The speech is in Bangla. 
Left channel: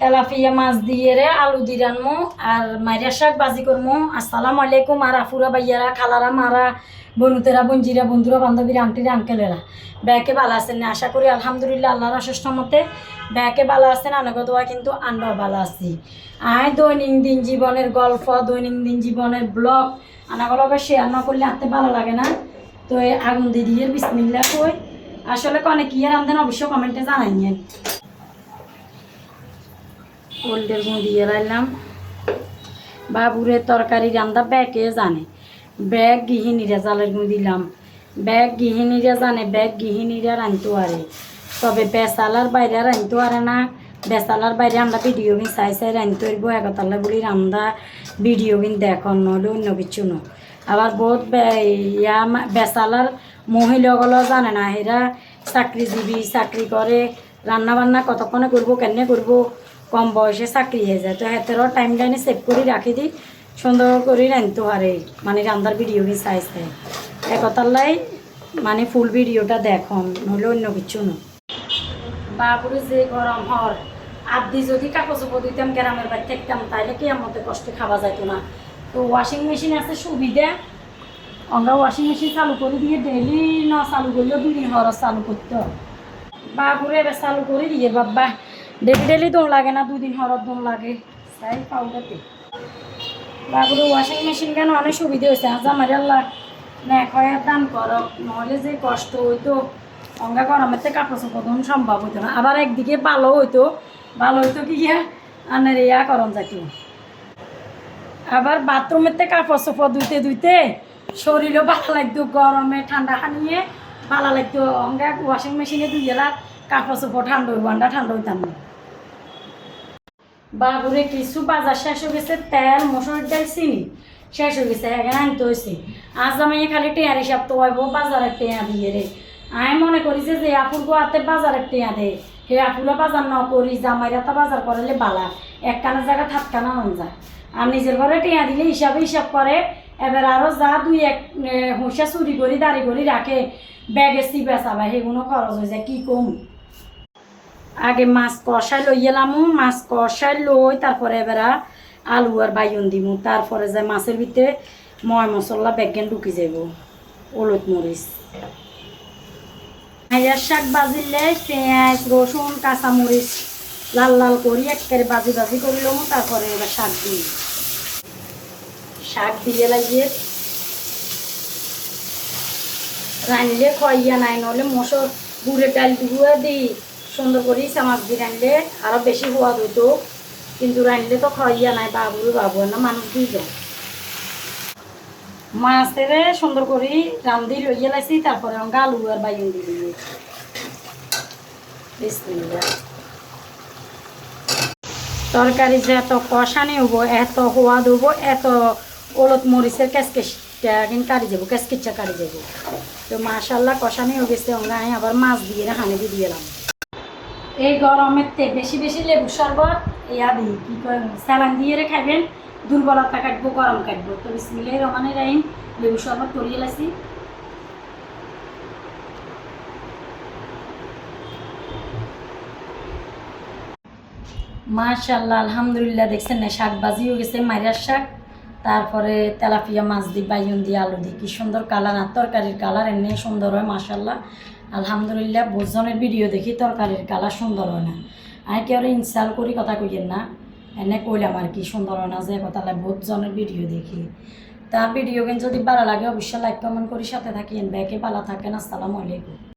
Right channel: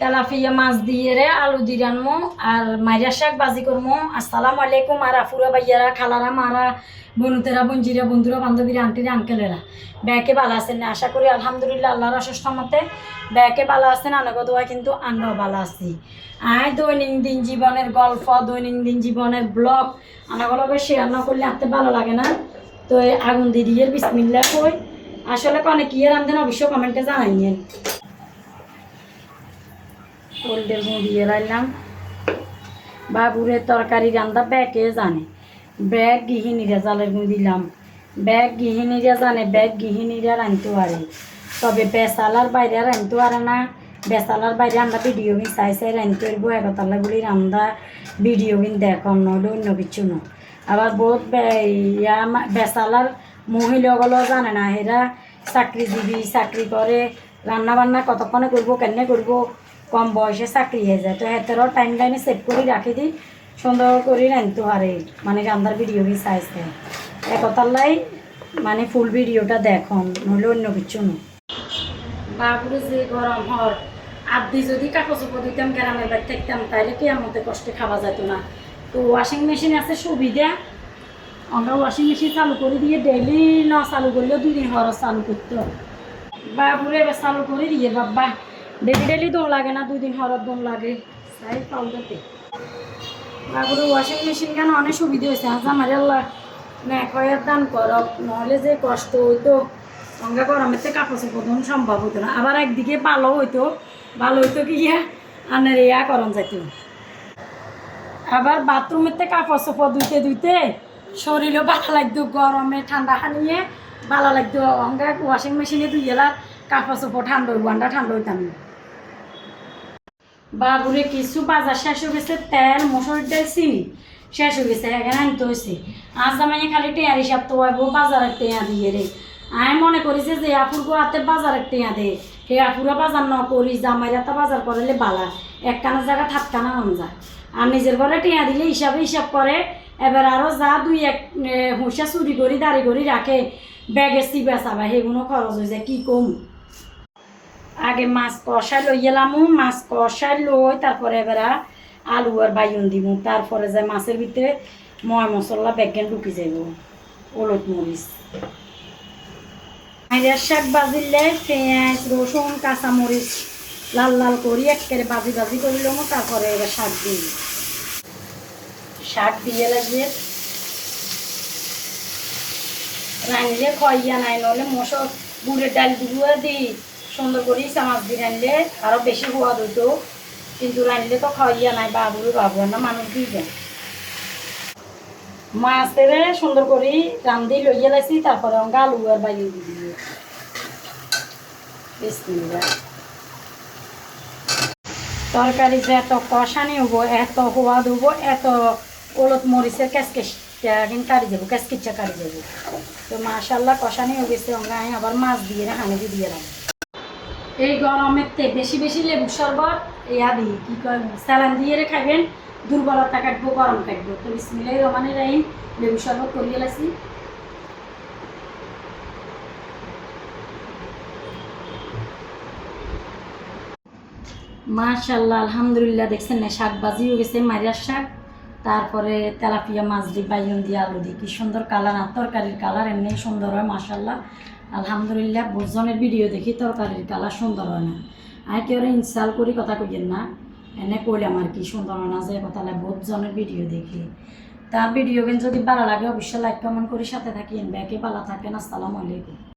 তেলাপিয়া মাছ দিয়ে রে আলু দিয়ে রানমো আর মাইরা শাক বাজি করমো। আসসালামু আলাইকুম আর আফুরা বাইয়ারা খালারা মারা বনুতেরা বঞ্জিরা বন্ধুরা বান্ধবীরা আন্টিরা আঙ্কেলেরা ব্যাকে ভালো আছেন না? আশা করি আলহামদুলিল্লাহ আল্লাহর অশেষ মতে ব্যাকে ভালো আছেন। আনগত কিন্তু আমরাও ভালো আছি। দৈনন্দিন জীবনের গল্প দৈনন্দিন জীবনের ব্লগ আনাগুলোকে শেয়ার না করলে আনতে ভালো লাগে না। তো এই আগুন দিয়ে বিসমিল্লাহ কই আসলে কনে কি আর রান্ধেন অবশ্য কমেন্টে জানাইয়েন। কোল্ডের গুঁ দিয়ে রাখলাম। বাবুরের তরকারি রান্না ব্যাগে জানে, ব্যাগ গৃহিণীরা জালের গুঁ দিলাম। ব্যাগ গৃহিণীরা জানে, ব্যাগ গৃহিণীরা রাঁধতে পারে, তবে বেসালার বাইরে রাঁধতে পারে না। বেসালার বাইরে আমরা ভিডিও কিন চাই রাঁধতে পারব একতালা বলি রান্ধা ভিডিও কিন দেখুন নইলে অন্য কিছু ন। আবার বহুত বেসালার মহিলাগুলো জানে না, এরা চাকরিজীবী, চাকরি করে, রান্না বান্না কতক্ষণে করবো কেনে করবো, কম বয়সে চাকরি হয়ে যায়। তো হেতেরও টাইম লাইনে সেভ করে রাখি দিই, সুন্দর করে রাঁধতে পারে মানে রান্নার ভিডিও কি চাইছে একতালাই মানে ফুল ভিডিওটা দেখুন নইলে অন্য কিছু ন। বাবুরে যে গরম হর আদি যদি কাপড় চোপড় দিতাম গ্রামের বাড়ি থাকতাম তাইলে কি আমার মধ্যে কষ্টে খাওয়া যেত না। তো ওয়াশিং মেশিন আছে সুবিধা, আমরা ওয়াশিং মেশিন চালু করে দিয়ে ডেইলি না চালু করলেও 2 দিন খরচ চালু করতে। বাবুরে এবার চালু করে দিয়ে বাবা ডেলি দোন লাগে না, 2 দিন খরচ দোন লাগে চাই পাউডারতে। বাবুরে ওয়াশিং মেশিন কেন অনেক সুবিধা হয়েছে। আজ আমার আল্লাহ না কয়ের দান করক, নহলে যে কষ্ট হইতো অঙ্গা গরমের থেকে কাপড় চোপড় ধোন সম্ভব হইতো না। আবার একদিকে ভালো হইতো কি আনের ইয়া করন যাইত। আবার বাথরুমের থেকে কাপড় চোপড় ধুইতে শরীরও ভালো লাগতো, গরমে ঠান্ডা খানিয়ে ভালো লাগতো। অঙ্গা ওয়াশিং মেশিনে ধুইলার কাপড় চোপড় ঠান্ডা হইব, আন্ডা ঠান্ডা হইতাম না। বাবুরে কিছু বাজার শেষ হয়ে গেছে, তেল মসুর ডাল চিনি শেষ হয়ে গেছে, এখানে আনতে হয়েছে। আজ আমি খালি টেয়ার হিসাব তো হইব বাজারের টেয়া দিয়ে রে। আমি মনে করিছে যে আপুর গোয়াতে বাজারের টেয়া দে, হে আপুরা বাজার ন করি জামাইরাতা বাজার করলে বালা একখানা জায়গা থাকখানা মন যায়। আর নিজের ঘরে টেয়া দিলে হিসাব করে। এবার আরও যা 2-1 হুঁসা চুরি করি দাঁড়ি করি রাখে ব্যাগে বেচাবা সেগুলো খরচ হয়ে যায় কি কম। আগে মাছ কষাই লই এলাম, মাছ কষাই লই তারপরে এবার আলু আর বাইগুন দিব, তারপরে যে মাছের ভিতরে ময় মশলা বেগেন ঢুকি যাব, হলুদ মরিচ। হাইয়ার শাক বাজিলে পেঁয়াজ রসুন কাঁচামরিচ লাল লাল করি একেবারে বাজি করে লম। তারপরে এবার শাক দিই, শাক দিয়ে লাগিয়ে রাঁধলে খইয়া নাই, নলে মশর গুড়ের ডাল দুগুয়া দিই সুন্দর করে চামাচ দিয়ে রাঁধলে আরও বেশি সোয়াদ হইতো, কিন্তু রাঁধলে তো খইয়া নাই। বাবু না মানুষ দুইজন মাছের সুন্দর করে রান্ধি লইয়া লাইছি। তারপরে অঙ্গা আলু আর বাইগুন দিয়ে তরকারি যে এত কষানি হব, এত সোয়াদ হব, এত হলুদ মরিচের ক্যাচকেচটা কিন্তু কাটি যাব, ক্যাচকেচা কাটি যাব। তো মাশাল্লাহ কষানি হয়ে গেছে। আমরা আবার মাছ দিয়ে হানি দিয়ে এলাম। এই গরমের তে বেশি লেবু শরবত ইয়া দিই কি কয় স্যালান দিয়ে খাইবেন, দুর্বলতা কাটবো গরম কাটবো। তো বিসমিল্লাহির রহমানির রহিম লেবু শরবত করিয়ে লাইছি। মাশাল্লাহ আলহামদুলিল্লাহ দেখছেন না, শাক ভাজি হয়ে গেছে মাইরার শাক, তারপরে তেলাপিয়া মাছ দিই বাইগুন দিয়ে আলু দিই, কি সুন্দর কালার। আর তরকারির কালার এমনি সুন্দর হয় মাশাল্লাহ আলহামদুলিল্লাহ। বহুজনের ভিডিও দেখি তরকারির কালার সুন্দর হয় না, আমি কেউ ইনস্টল করি কথা কইয়েন না, এনে কইলাম আর কি সুন্দর হয় না যে কথা। বহুজনের ভিডিও দেখি, তার ভিডিও কিন্তু যদি ভালো লাগে অবশ্যই লাইক কমেন্ট করি সাথে থাকি। ব্যাকে ভালো থাকেন। আসসালামু আলাইকুম।